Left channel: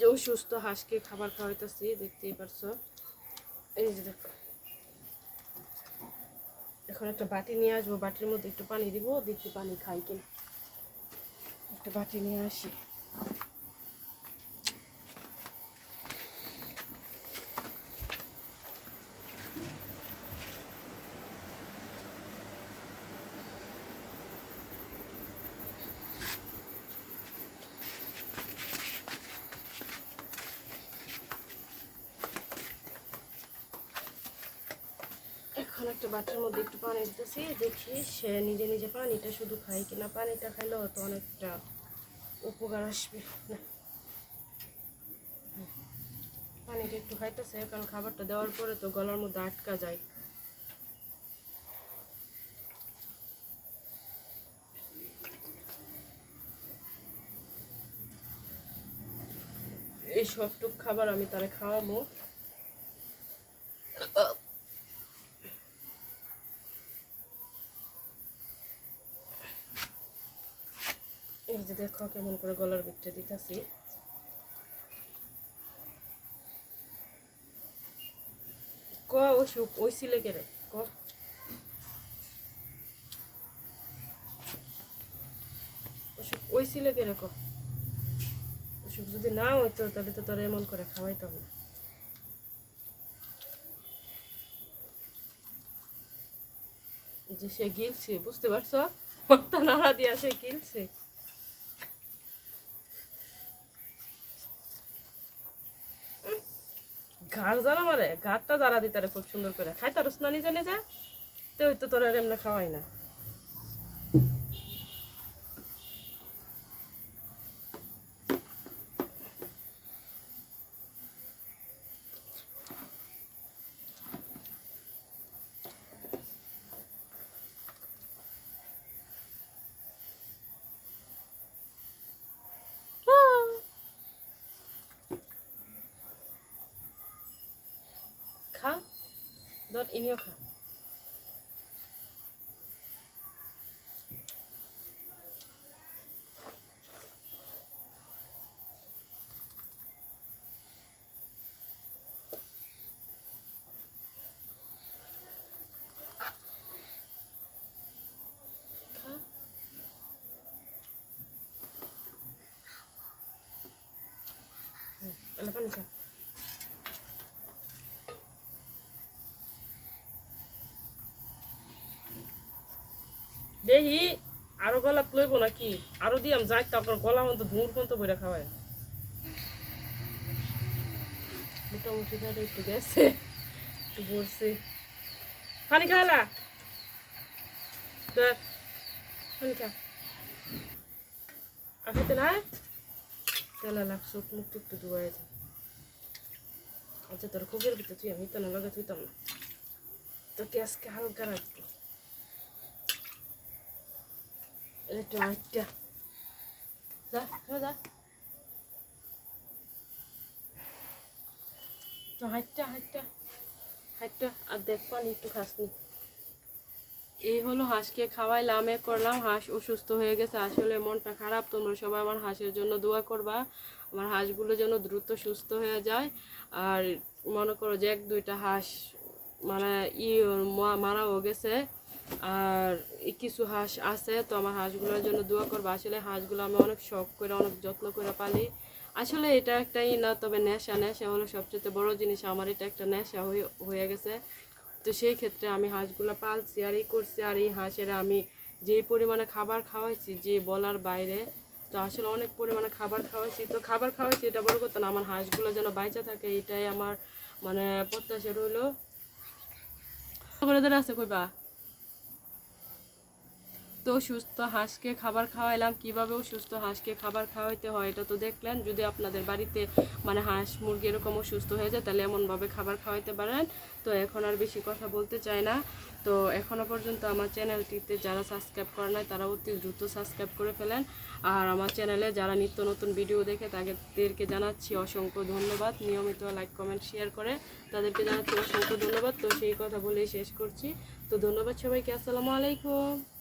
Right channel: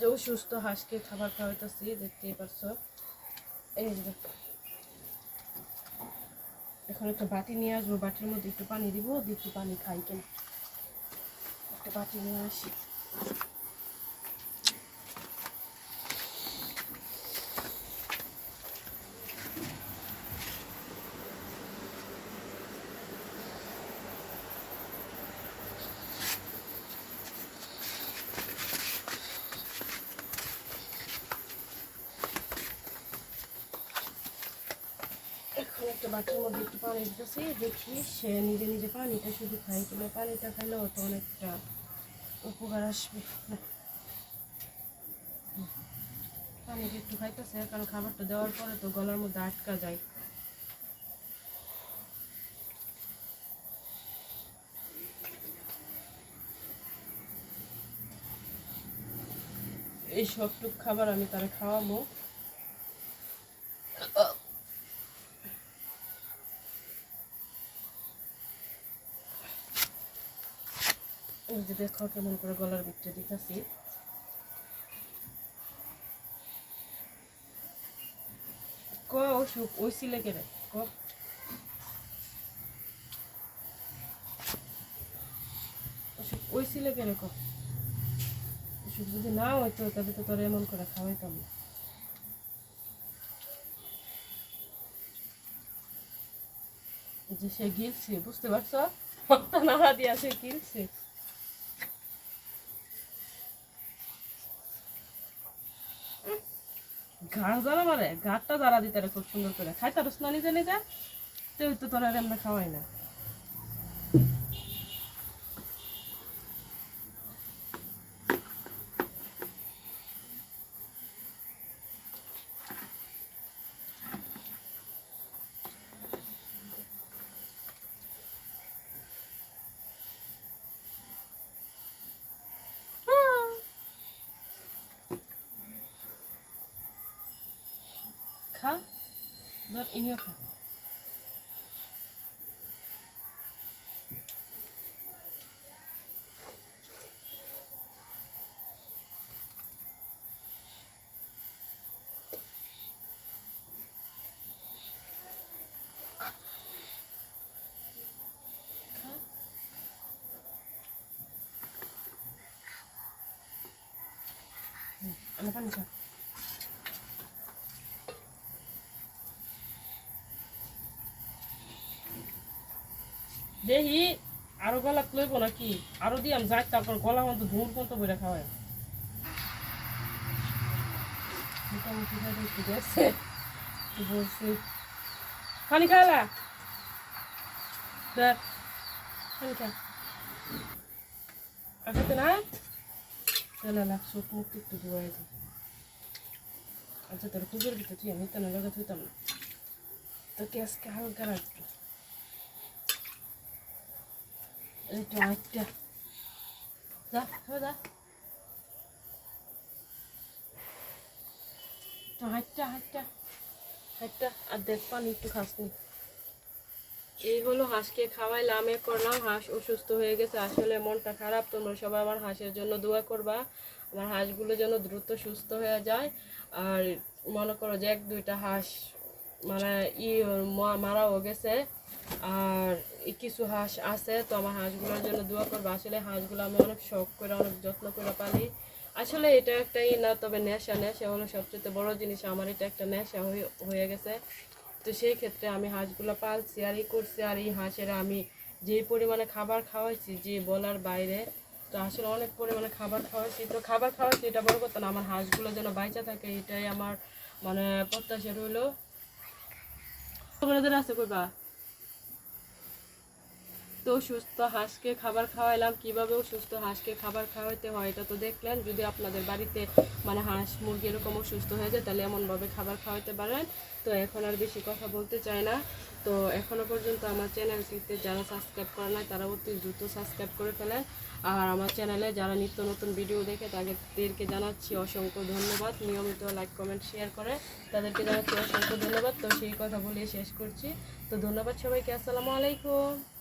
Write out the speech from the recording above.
যে অসুস্থ হাঁসকে খাবার খাওয়াইতেছি, দেখতেই পারছো। এই যে দেখো, এখন একটা বাটি নিয়ে আসবো, বাটির মধ্যে একটু পানি দিব, দেখি পানি খাই কিনা। একটা বাটি নিয়ে আসি। এখন একটা বাটির মধ্যে একটু পানি দিতেছি, দেখি সে নিজে নিজে পানিটা শুধু খাই কিনা। পানিটা খাইলেও তো অনেকটা উপকার আসবে না। পানিটা একটু খাইতেছে, কারণ খাবারটা দেওয়ার পরে তো গলার মধ্যে আটকা যায়। এই সবটুক খাবার আমি তারা খাওয়াবো। এই যে দেখো কেমন করে গলার ভিতরে দিতেছি। ক অসুখ ওই সিলে কেড়ে ক, অসুখ ওই সিলে কেড়ে ক। অসুখ যদি না হইতো তাহলে তো তোরা এমন করে খাওয়াইতাম না। যে সে গিলছে, বুঝতে পারছো? মাথা নাড়া দিয়া সে গিলছে। ঘাড় জ্বালা মারে, ঘাড়টা জ্বালা দিতারে খুব সুন্দর করে খাই। তার স্নানি নিজে নিজে তো ওই তো তোরা এমনি খাওয়াই না। খা, ধর ইনিও খা। আনা পানি খা। দেখি আরো গলা লইব নাকি, আরো দিয়াম যাই তারপর গলা মতো ধুর পর্যন্ত বইরা খাওয়ায়। মোটামুটি ভাবে একটু গেছে, বলছে পানি খাওয়ালা দেখ, পানি খা। আগাতে না তেলা লাগ, চোখ মুখ একটু ধোয়াই যায়। আচ্ছা তোর খুবের ভিতরে তুই আমি তো না লাগা তুইতাম না, তোকে আজকে হালকা রাখবো। একটু আটটা যা যা, একটু হাঁটটা হাঁটটা হাঁটটা, আর দেখ পানি একটু খাসনি। এই হলো হাঁসকে খাওয়াইলাম, এ করলাম। হাঁস অসুস্থ হয়ে গেছে, আসলে মনটা খারাপ। তোমরা সবাই আমার হাঁসের জন্য দোয়া করবা, আমার হাঁসগুলো যেন দ্রুত সুস্থ হয়ে যায়। আর মনে করো যে এক দুইটা হাঁস মানে মারাও গেছে, আর কিছু হাঁস আছে। তো আমার হাঁসগুলোর জন্য দোয়া করবা। আসলে হাঁসগুলো আমি অনেক শখ করে অনেক যত্ন করে পালি। আসলে এটা একটাই না, তবে নেশা। নেশা হলো সবচেয়ে বড় জিনিস। আমার এটা একটা নেশা হয়ে গেছে। তো সেই ক্ষেত্রে আমি হাঁসগুলো পালছি আর করছি। আর এই হাঁসেরা আমি যেই পরিমাণে খাবার খাওয়াইছি যে বলার বাইরে। তো আসলে অনেক পরিমাণে খাবার খাওয়াইছি, তো খাবার খাওয়াইছি এটা বড় কথা না, আমার হাঁসগুলো যেন বাইচা থাকে এটাই আমার মানে প্রত্যাশা রইলো। আছে কইবা। তো সুস্থ হাঁসকে খাবার খাওয়াইলাম, কীভাবে সুস্থ হাঁসকে খাবার খাওয়াইতে হয় এটা তো দেখলেন। যদি আপনাদের বাড়িতে মানে হাঁস মুরগি এরকম অসুস্থ হয়ে যায় তাহলে এমনভাবে খাবার খাওয়াইতে পারেন। তো এখন আর বেশি কথা বলতে চাই না। তো এখনও পর্যন্ত আমার চ্যানেলটিতে যারা সাবস্ক্রাইব করে নাই তারা অতি দ্রুত সাবস্ক্রাইব করে ফেলেন। আর আমার চ্যানেলে যারা নিত্য নতুন ভিডিও দেখে তাদেরকে জানাচ্ছি অসংখ্য ধন্যবাদ। নিয়মিত লাইক কমেন্ট শেয়ার করে তাদেরকে জানাচ্ছি অসংখ্য ধন্যবাদ। তো সেই কথা বলেই শেষ করছি। তো ধন্যবাদ সবাইকে, আসসালামু আলাইকুম।